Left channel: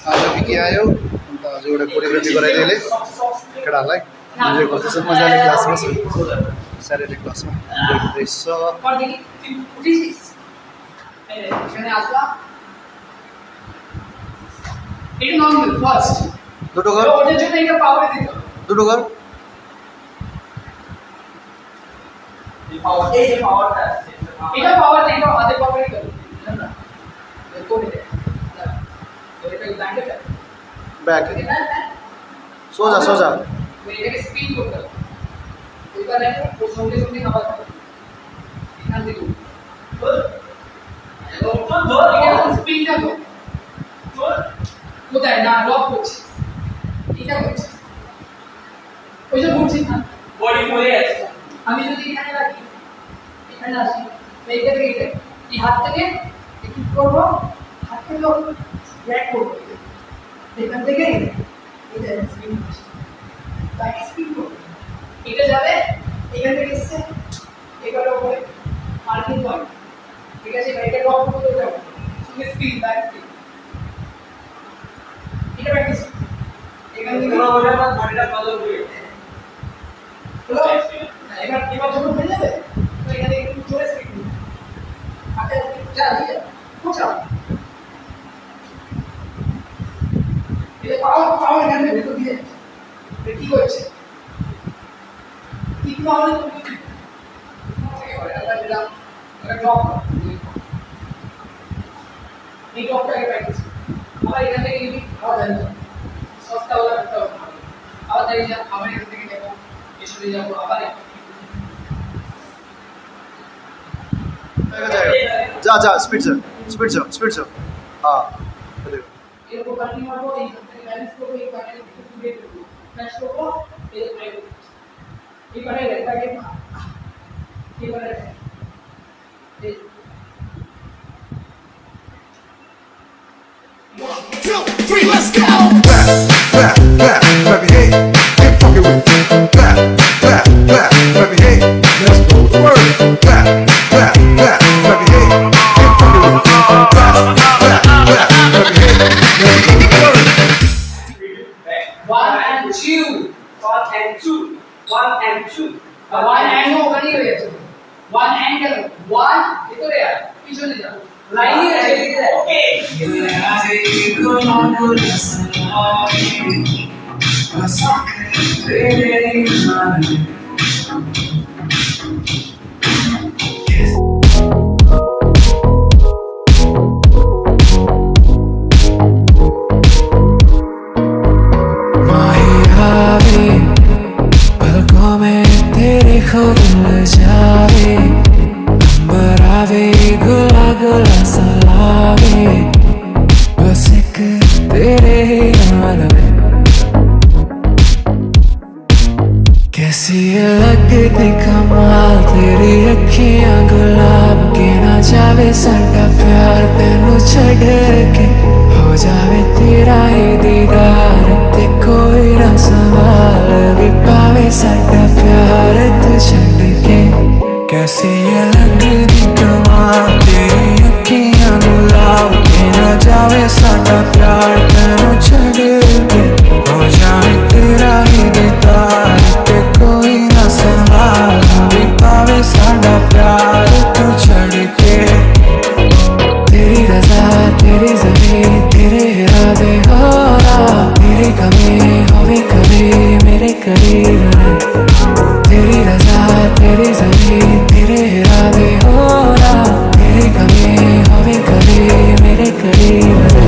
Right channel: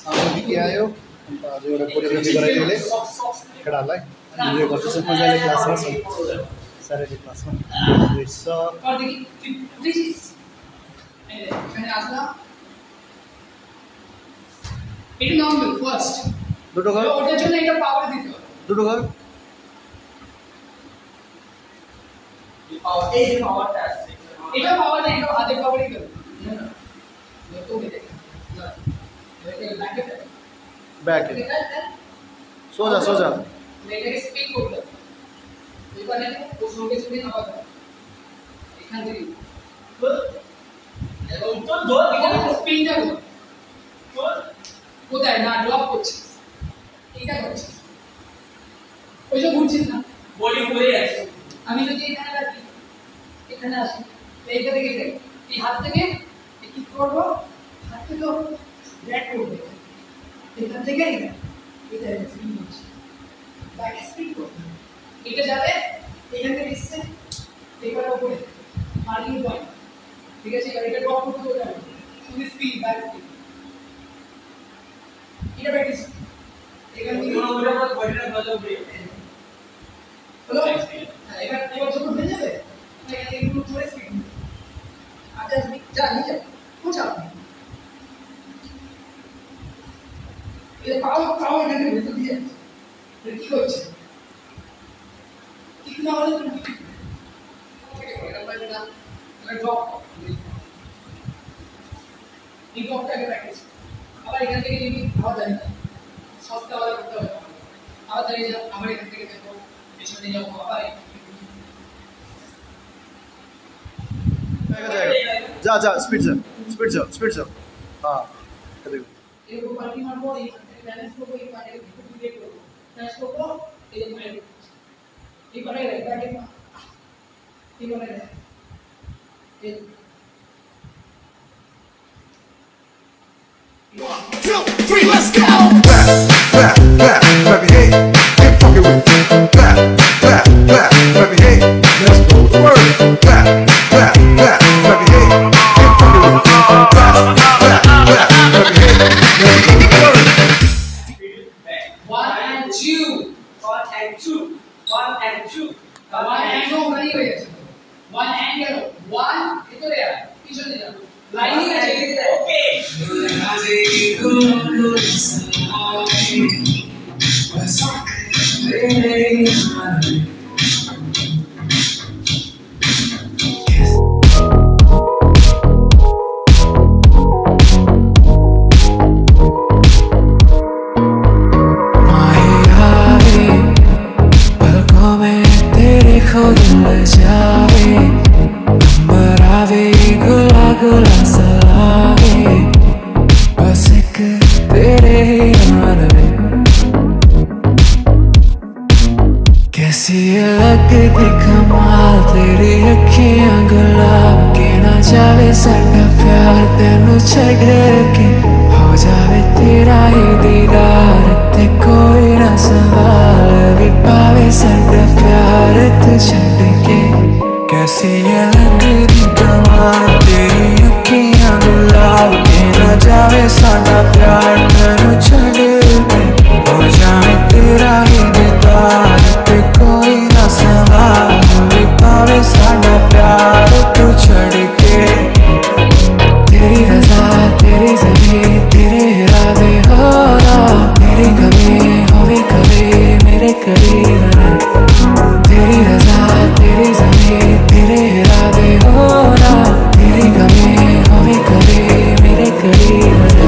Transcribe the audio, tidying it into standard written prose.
आज विकी आयो अन्त आज एउटा कोरियोग्राफी गराइदिएले केटाहरूलाई मजाले क्लासमा छ स्याटरडे क्लासमा रहेछ দুটো ঘর ওটার জন্য এটা পাওয়ার দিতে দুটো ঘর এই পাওয়ার এই যে পাওয়ারটা আছে এটা পাওয়ার না এটা হাতে পাওয়ারই করো না করে দে এটা ব্যাকে ব্যাক সোজা সোজা এটাকে স্পিন করতে হবে ওইখানে ওর সঙ্গে সঙ্গে নামা এখান থেকে স্পিনটা ধর কোথায় না ড্রপ করছিস এটা করছিস ওই যে ঘুরছিস না বডি পড়ে আছে আমি যদি এখানে রাখি এখানে আসি এইটা থেকে এই হাত থেকে কি করব হাত থেকে ব্যাক করব এখান থেকে এটা স্পিন করছি ব্যাক স্পিন করব এটা যাবে এখান থেকে এসে এটার উপরে মার্কিং পয়েন্ট ঠিক আছে এটা ড্রপ করতে যাবে তুমি স্পিন ব্যাক স্পিন এটা প্র্যাকটিস এখান থেকে ওটা বডিটা বদল দিয়ে হলো এবার যখন হয়ে যাবে তো এখানে একটু জোরে স্পিড আচ্ছা যা নিয়ে পৌঁছা এটা পাওয়ার এখানে ভিতর দিয়ে এটা কি হচ্ছে কি আমাদের এটা ড্রপ এই ড্রপটাকে প্র্যাকটিস আবার এখান থেকে যদি আবার দাঁড়িয়ে সস্তা হলে করতে হবে আবার দাঁড়িয়ে যা আবার এখান থেকে যাবো পেছনে যাবো আবার जा जा स्पीड से हाँ এরকম পার্টি মারবো এই হাত থেকে ব্যালেন্স করবো এই পারে ব্রেক করবো ক্র্যাশ করবো এই মাইর এই পারে ব্যাকে এই পারে এই 1, 2, 3, let's go! Back, baby, hey, get funky with me. Back, baby, hey, let's go to work. Back, baby, hey, get funky with me. Back, baby, hey, let's go to work. 1 and 2, 1 and 2, 1 and 2. 1 and ও ওখানেই হয়ে যাচ্ছে 1 and কেন 1 ভিতরে আর পিছনে যা লাইনে আছে ওকে पलकों में तेरे खुद ले जावे अंबर आवे गुला गुला सा लागे बस एक तेरे ही नाल वे कैसी ये लगती कमाल तेरी अखियां गुलाब के ना जावे साडा प्यार तेनू छड़ के हो जावे तेरा ही दीदार ते कोई ना सवाल भी पावे साडा प्यार तू छड़ के कैसी ये लगती कमाल तेरी अखियां गुलाब के ना जावे साडा प्यार तेनू छड़ के हो जावे तेरा ही दीदार ते कोई ना सवाल भी पावे साडा प्यार तू छड़ के तेरी रज़ा तेरी ज़मीं तेरे इरादे हो रहा तेरी कमी होवे कभी मेरे करीब रहे तेरी रज़ा तेरी ज़मीं तेरे इरादे हो रहा तेरी कमी होवे कभी मेरे करीब रहे